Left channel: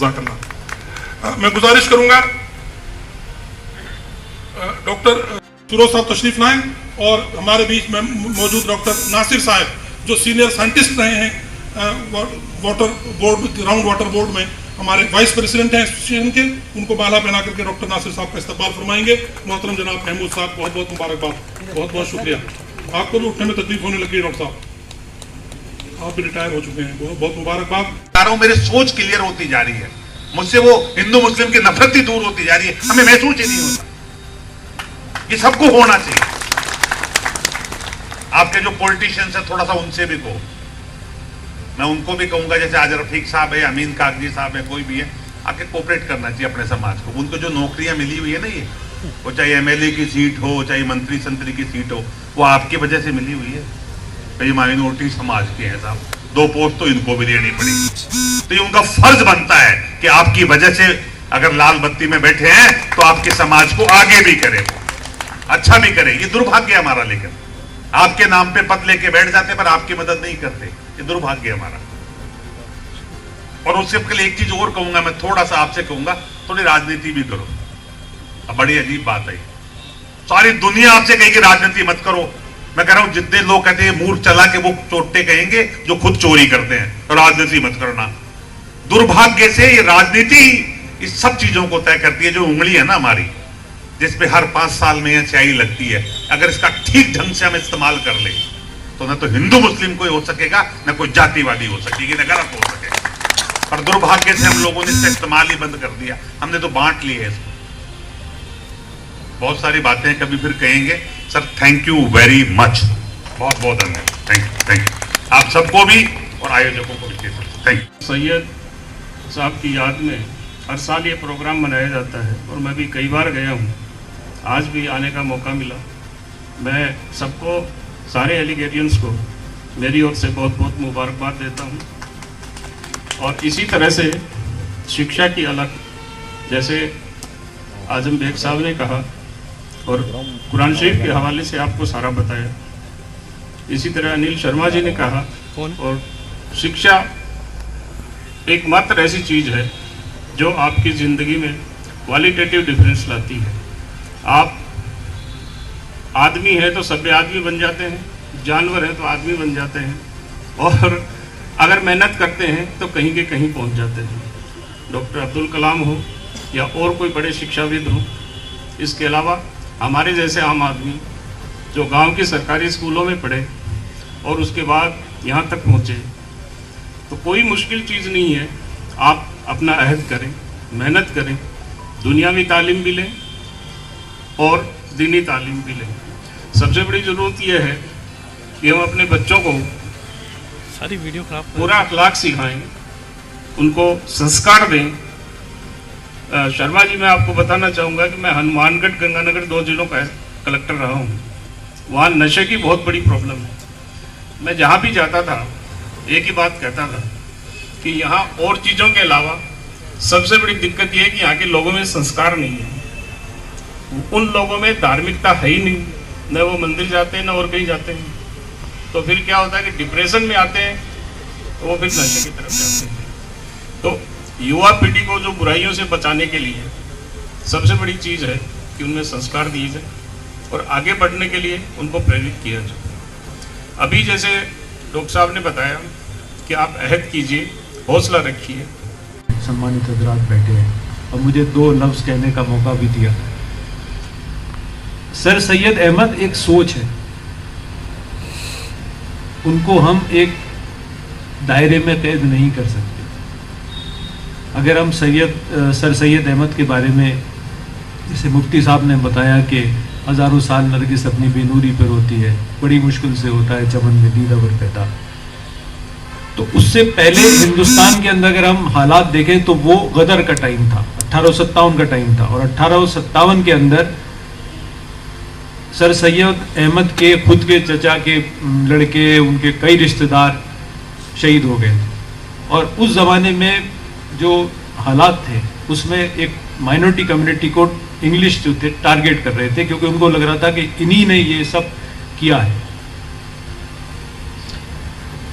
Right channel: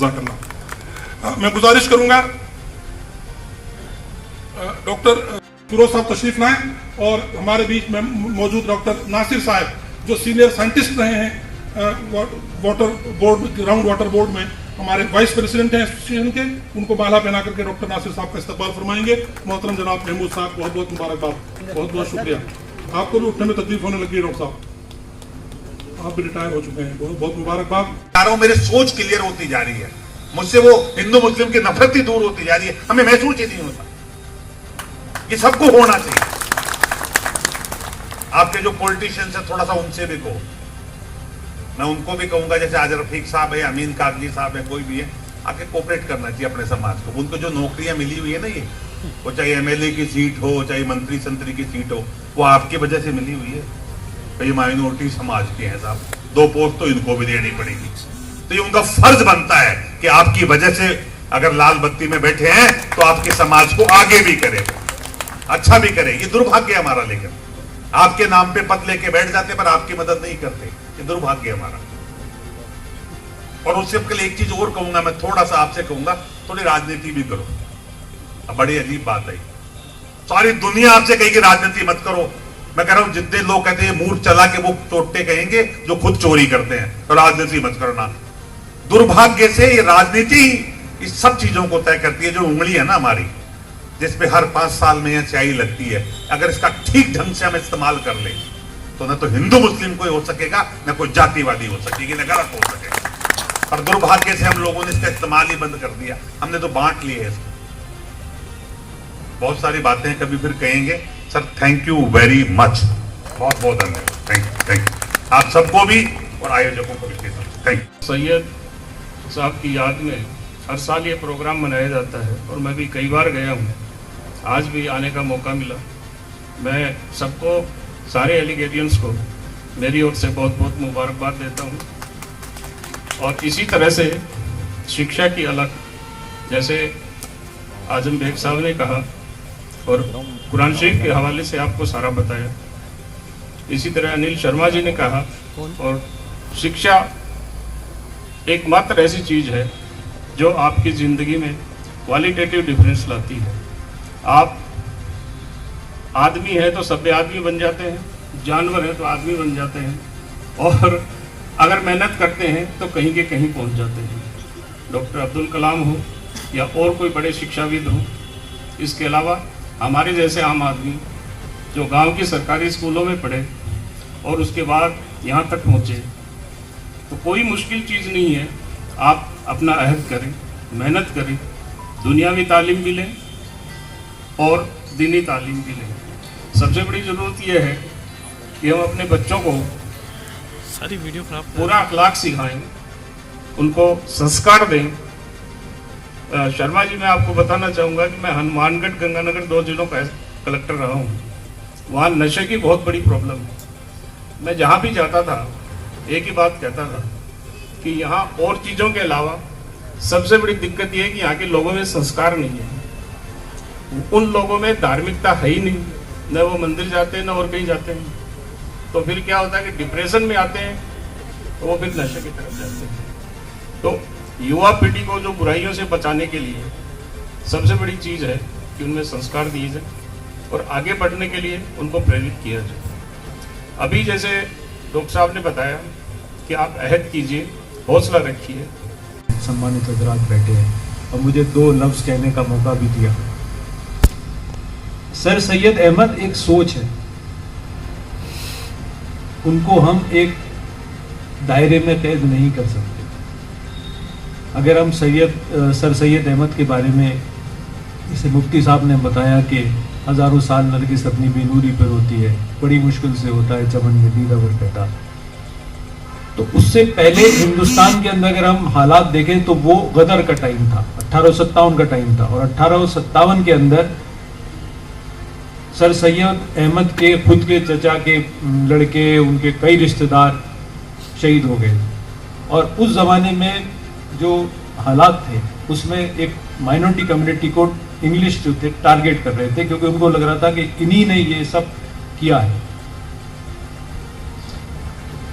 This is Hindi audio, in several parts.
जज़ाकल्लाह। मैं गुजारिश करूंगा डॉक्टर फिरोज साहब तशरीफ लाएं और हमारे बीच में मौजूद डॉक्टर नासिर साहब जो सीनियर साइंटिस्ट रहे हैं water board, ground water board में हमारे वाइस प्रेसिडेंट हैं एसोसिएशन के, उनको माला पहना करके डॉक्टर नासिर साहब का इस्तकबाल फरमाएंगे। मोहतरम जनाब महमूद साहब, बहुत बहुत मुबारकबाद, बहुत बहुत शुक्रिया। आपको भी उठने में तकलीफ होने लगी है डॉक्टर साहब, आप भी रिटायर हो चुके हैं, बहुत बहुत मुबारकबाद। मेरी सोच क्लियर होती जा रही है, मुझसे वो हिंदू मुस्लिम की नफरत ही दूर होती जा रही है, हमें महसूस ही नहीं होता। ये सबको होना चाहिए। आपके जो पॉलिटिशियंस है थोड़ा सा उनसे भी कहो, मैं उनको भी कहूंगा, जैसे आज रफीक साहब है, अमीन कागजी साहब है, कोई भी है, आके कोऑपरेट करना चाहिए अपने समाज को। उनको जो नौकरियां मिली हुई है ना, ये वो चाहे एमएलए की सीट हो, चाहे मंत्री संतरी की सीट हो, वो आपकी वजह से मिली हुई है। तो ये माइनॉरिटी समाज के हैं साहब, 2 पोस्ट तो इनको भी देनी पड़ेगी। तो ये उनका फर्ज बनता है कि आपकी वजह से अगर लाल बत्ती में बैठे हैं तो आपके समाज को आगे भी करें, अच्छा भी करें। ये दुर्भाग्य है हमारा, लेकिन आपके नाम पे पद लेके बैठ जाते पर आपकी मदद नहीं करते, ये दुर्भाग्य है हमारा। और उससे के लिए एक चीज और कहूंगा, मैं थोड़ा सा आपसे कहूंगा, थोड़ी राजनीति भी करो। अब बड़ी अजीब बात है, सारी दुनिया आपसे कहेगी राजनीति मत करो। मैं कह रहा हूं जितने लोग कहते हैं मूर्ख चला के वो चोटे कहेंगे जो खुद चोरी करते हैं, तो राजनीति मत करना। दुर्भाग्य से ये राजनीति इस सब चीजों को तय करती है। जो उंगली है ना हमारी, जिसपे हर 5 साल में यह स्याही लगती है, अगर इसका ठीक ढंग से हम इस्तेमाल कर ले तो न तो हिंदू मुस्लिम कोई हो सकेगा, न कोई जातिवादी हो सकेगी, न गलत हो सकेगा। पर दुर्भाग्य से हम लोगों ने इसका इस्तेमाल ही बंद कर दिया, हमने तो बांट लिया है इसको। बहुत सारी बातें कभी फिर कहेंगे। Sir thank you very much, बहुत बहुत धन्यवाद, थैंक यू आप सबको भी और आयोजकों को भी। Thank you. सैयद साहब की याद में हर साल ये प्रोग्राम मनाया जाता है और मैं भी कई बार गया हूँ, आज भी आने का मौका मिला। मैं सबको, सारे एलिगेरियंस को मेरी ओर से बहुत बहुत मुबारकबाद देता हूँ। और इसी तरह से शिक्षा की अलग, जैसे आजम बेग साहब ने कहा और कुरान शरीफ के हवाले से आपको सारा बताया, इसी तरह अनिल शर्मा जी ने कहा। और शिक्षा एकमात्र ऐसी चीज़ है जो आपकी ज़िंदगी में क्वालिटेटिव डिफरेंस लाती है। आप आदमी है तो सभ्य आदमी बन जाते हैं, जानवर है तो आदमी बन जाते हैं, और अगर मेहनत करते हैं तो कहीं के कहीं पहुंच जाते हैं। डॉक्टर अब्दुल कलाम हो या और कोई बड़े शिक्षाविद हो, इसके अलावा हमारे जैसे आम आदमी जो गांव के सरकारी स्कूलों में पढ़े और उसके बाद यहाँ तक पहुँचे, तो कोई मुश्किल चीज़ नहीं है। आप अपना अहद करें, मेहनत करें, दुनियावी तालीम भी लें और दीनी तालीम भी लें। सबसे बड़ी ज़रूरत यह है कि हम अपने बच्चों को सारी वीडियो खराब पूरा अखलाक सिखाएं, उनको संस्कार दें। शर्मा जी, मैं आपको बताना चाहूँगा कि मैं हनुमानगढ़ गंगानगर 2 जिलों का कलेक्टर रहा हूँ। वहाँ नशे की बहुत बड़ी प्रॉब्लम है। मैं जहाँ भी जाता था एक ही बात कहता था कि यहाँ और चीज़ों के अलावा सबसे बड़ी दिक्कत यह है कि यहाँ के लोगों में संस्कार नहीं है। उन लोगों में धार्मिकता है ही नहीं, न वो मंदिर जाते हैं न और कहीं जाते हैं। तो फिर क्या होता है कि डिप्रेशन में आते हैं, वो फिर नशे की तरफ जाते हैं। तो युवा पीढ़ी को जो बुराइयों से बचाने के लिए सबसे बड़ी चीज़ है कि उनमें संस्कार दिए जाए और आगे बढ़ने के लिए उनको प्रेरित किया जाए। अभी जैसे डॉक्टर साहब ने बताया कि आप अहद कीजिए, हौसला रखिए। सम्मानित हजरात बैठे हैं और मुझे 2 लफ्ज़ कहने का मौका भी दिया। सर सैयद अहमद एक सोच है, उनको हम एक दायरे में कैद नहीं कर सकते। अगर हम सर सैयद अहमद के बारे में, जैसे मुफ्ती साहब ने बताया कि हज़ारों साल नरगिस अपनी बेनूरी पर होती है, बड़ी मुश्किल से होता है चमन में दीदावर पैदा, तो उससे पहले हिंदुस्तान के अंदर अगर हम हालात देखें तो वो गदर का टाइम था, 1857 का टाइम था। और 1857 के अंदर सर सैयद अहमद के खुद के चचा के लड़के, उनके कई रिश्तेदार शहीद हो गए। और उस ज़माने में जो हालात थे उसमें एक माइनॉरिटी कम्युनिटी को इंग्लिश जो थे टारगेट कर रहे थे, क्योंकि उनको लग रहा था कि इन्हीं ने ये सब किया है।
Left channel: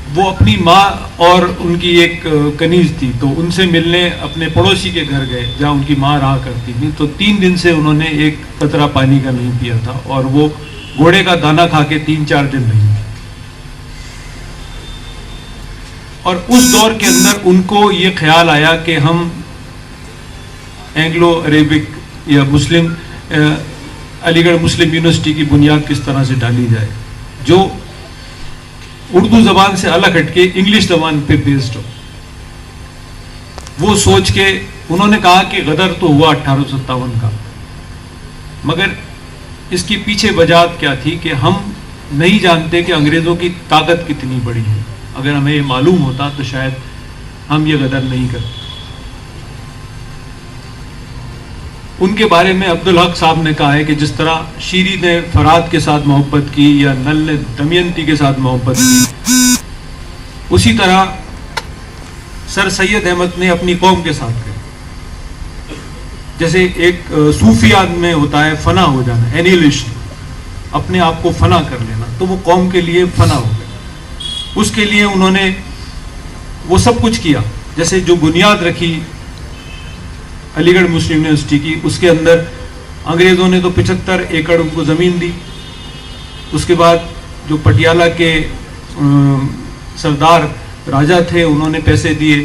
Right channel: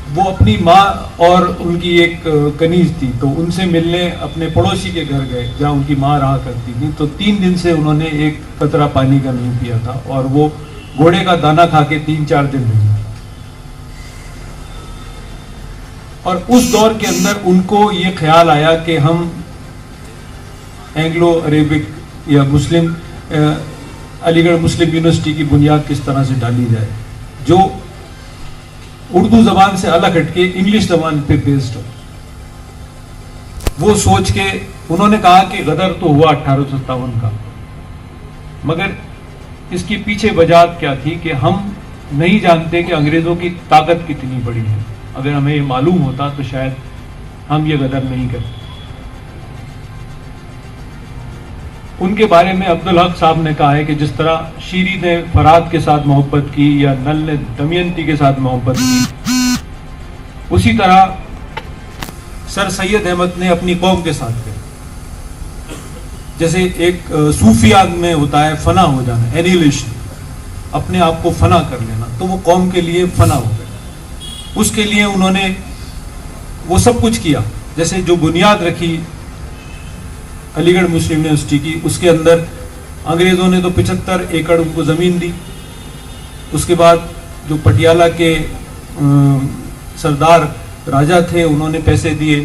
वो अपनी माँ और उनकी एक कनीज थी, तो उनसे मिलने अपने पड़ोसी के घर गए जहाँ उनकी माँ रहा करती थी। तो 3 दिन से उन्होंने एक कतरा पानी का नहीं पिया था और वो घोड़े का दाना खा के 3-4 दिन रही। और उस दौर के अंदर उनको ये ख्याल आया कि हम एंग्लो अरेबिक या मुस्लिम अलीगढ़ मुस्लिम यूनिवर्सिटी की बुनियाद किस तरह से डाली जाए जो उर्दू जबान से अलग हटके इंग्लिश जबान पे बेस्ड हो। वो सोच के उन्होंने कहा कि गदर तो हुआ 1857 का, मगर इसके पीछे वजह क्या थी कि हम नहीं जानते कि अंग्रेजों की ताकत कितनी बड़ी है। अगर हमें ये मालूम होता तो शायद हम ये गदर नहीं करते। उनके बारे में अब्दुल हक साहब ने कहा है कि जिस तरह शीरी ने फराद के साथ मोहब्बत की या नल ने दमयंती के साथ मोहब्बत की, उसी तरह सर सैयद अहमद ने अपनी कौम के साथ की। जैसे एक सूफिया में होता है फना हो जाना, एनिहिलेशन, अपने आप को फना कर लेना, तो वो कौम के लिए फना हो गया। उसके लिए उन्होंने वो सब कुछ किया। जैसे जो बुनियाद रखी अलीगढ़ मुस्लिम यूनिवर्सिटी की, उसके अंदर अंग्रेज़ों ने तो 75 एकड़ उनको ज़मीन दी। उसके बाद जो पटियाला के सरदार राजा थे उन्होंने पैसे दिए,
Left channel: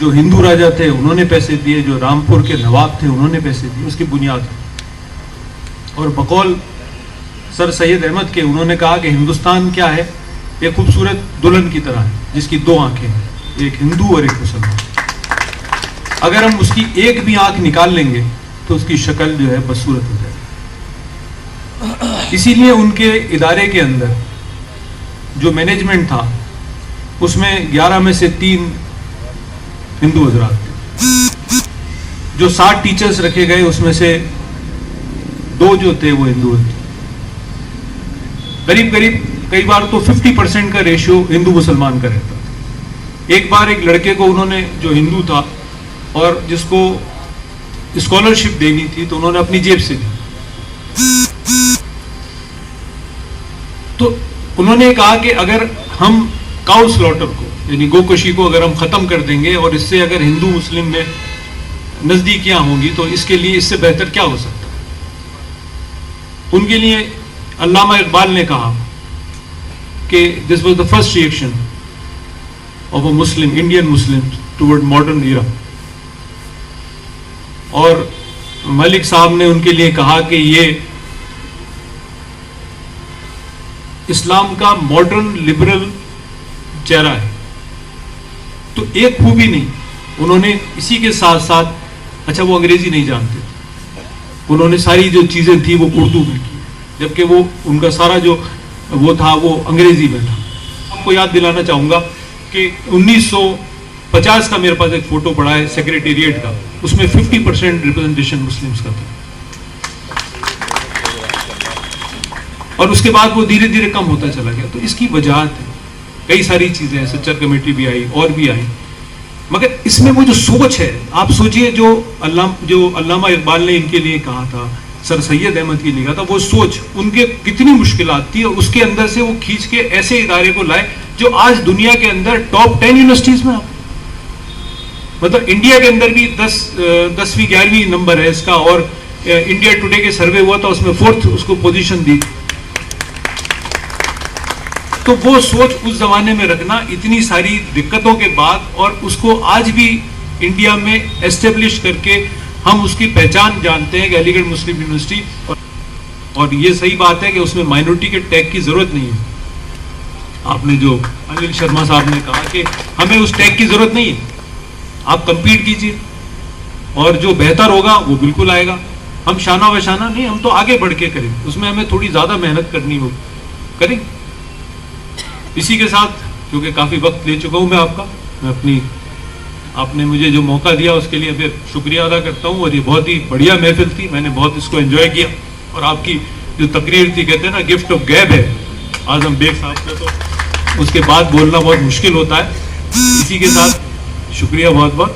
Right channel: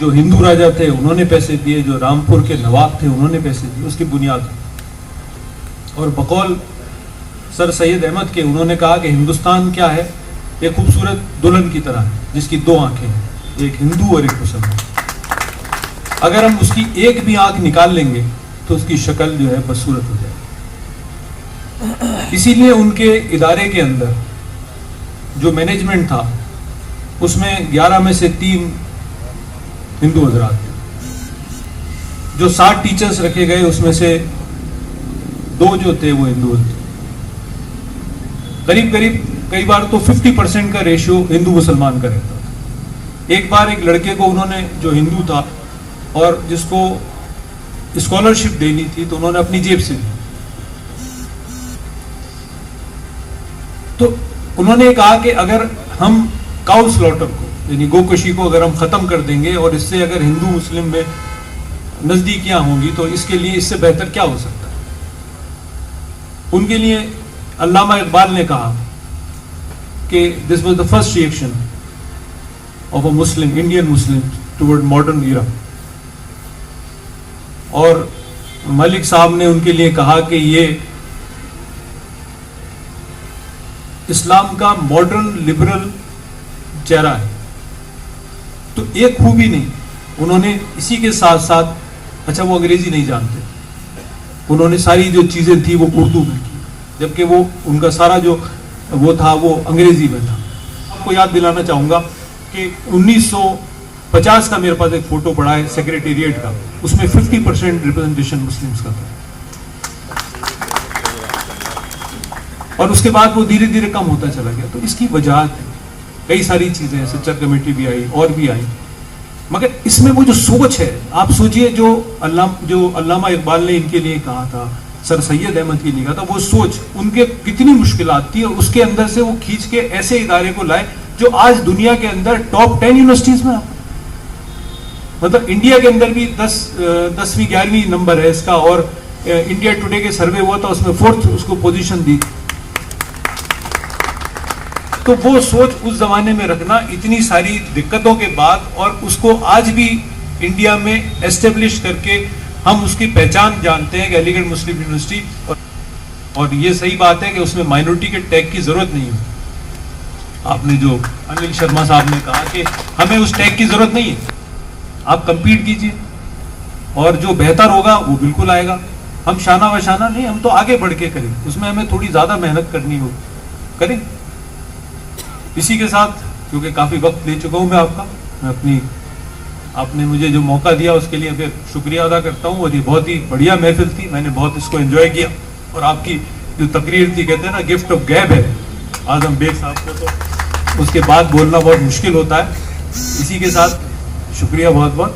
जो हिंदू राजा थे उन्होंने पैसे दिए, जो रामपुर के नवाब थे उन्होंने पैसे दिए, उसकी बुनियाद। और बकौल सर सैयद अहमद के उन्होंने कहा कि हिंदुस्तान क्या है, एक खूबसूरत दुल्हन की तरह है जिसकी 2 आंखें हैं, एक हिंदू और एक मुसलमान। अगर हम उसकी एक भी आंख निकाल लेंगे तो उसकी शक्ल जो है बदसूरत हो जाएगी। इसीलिए उनके इदारे के अंदर जो मैनेजमेंट था उसमें 11 में से 3 हिंदू हजरात थे। जो 60 टीचर्स रखे गए उसमें से 2 जो थे वो हिंदू थे। करीब करीब कई बार तो 50% का रेशियो हिंदू मुसलमान का रहता था। एक बार एक लड़के को उन्होंने, जो हिंदू था और जिसको स्कॉलरशिप देनी थी, तो उन्होंने अपनी जेब से दी। तो उन्होंने कहा कि अगर हम काउ स्लॉटर को, यानी गोकशी को अगर हम खत्म कर देंगे और इससे अगर हिंदू मुस्लिम में नजदीकियां होंगी तो इसके लिए इससे बेहतर क्या हो सकता है। उनके लिए अल्लामा इकबाल ने कहा कि this was the first reaction of a Muslim, Indian Muslim toward modern era. और मलिक साहब ने उनके लिए कहा कि ये इस्लाम का मॉडर्न लिबरल चेहरा है। तो एक खूबी नहीं, उन्होंने इसी के साथ साथ, अच्छा वो अंग्रेजी नहीं जानते, उन्होंने सारी जो चीजें थी वो उर्दू में की, जबकि वो उनका सारा जो वो था वो अंग्रेजी में था। आपको याद दिलाना चाहूंगा कि 1950 का मेरे पास एक फोटो पड़ा है सेक्रेटेरिएट का, उसमें 50% रिप्रेजेंटेशन मुस्लिम्स का था। और उसके बाद वो धीरे धीरे कम होता चला गया। तो इसकी वजह कई सारी चीजें, सच्चर कमेटी भी आई और भी आई, मगर इसमें वो जो सोच है, आप सोचिए जो अल्लामा इकबाल ने इनके लिए कहा था, सर सैयद अहमद के लिए कहा था, वो सोच उनके कितनी मुश्किलात थी और उसके अंदर से वो खींच के ऐसे इदारे को लाए जो आज दुनिया के अंदर टॉप 10 यूनिवर्सिटीज में, मतलब इंडिया के अंदर भी 10वीं 11वीं नंबर है इसका। और इंडिया टुडे के सर्वे हुआ था उसमें 4th उसको पोजीशन दी। तो वो सोच उस जमाने में रखना, इतनी सारी दिक्कतों के बाद, और उसको आज भी इंडिया में एस्टेब्लिश करके हम उसकी पहचान जानते हैं कि अलीगढ़ मुस्लिम यूनिवर्सिटी। और ये सही बात है कि उसमें माइनॉरिटी के टैग की जरूरत नहीं है। आपने जो अनिल शर्मा साहब ने कहा कि हमें उस टैग की जरूरत नहीं है, आप कंपीट कीजिए और जो बेहतर होगा वो बिल्कुल आएगा। हम शाना बशाना नहीं, हम तो आगे बढ़ के करेंगे, उसमें हमें थोड़ी ज्यादा मेहनत करनी होगी, करेंगे। इसी के साथ, क्योंकि काफी वक्त ले चुका हूं मैं आपका, मैं आपने मुझे जो मौका दिया उसके लिए फिर शुक्रिया अदा करता हूं। और ये बहुत ही बढ़िया महफिल थी, मैंने बहुत इसको एंजॉय किया। और आपकी जो तकरीर थी, कहते हैं ना गिफ्ट ऑफ गैब है आजम बेग साहब को, तो उसके बाद बोलना बहुत मुश्किल होता है। इसी के साथ शुक्रिया बहुत बहुत।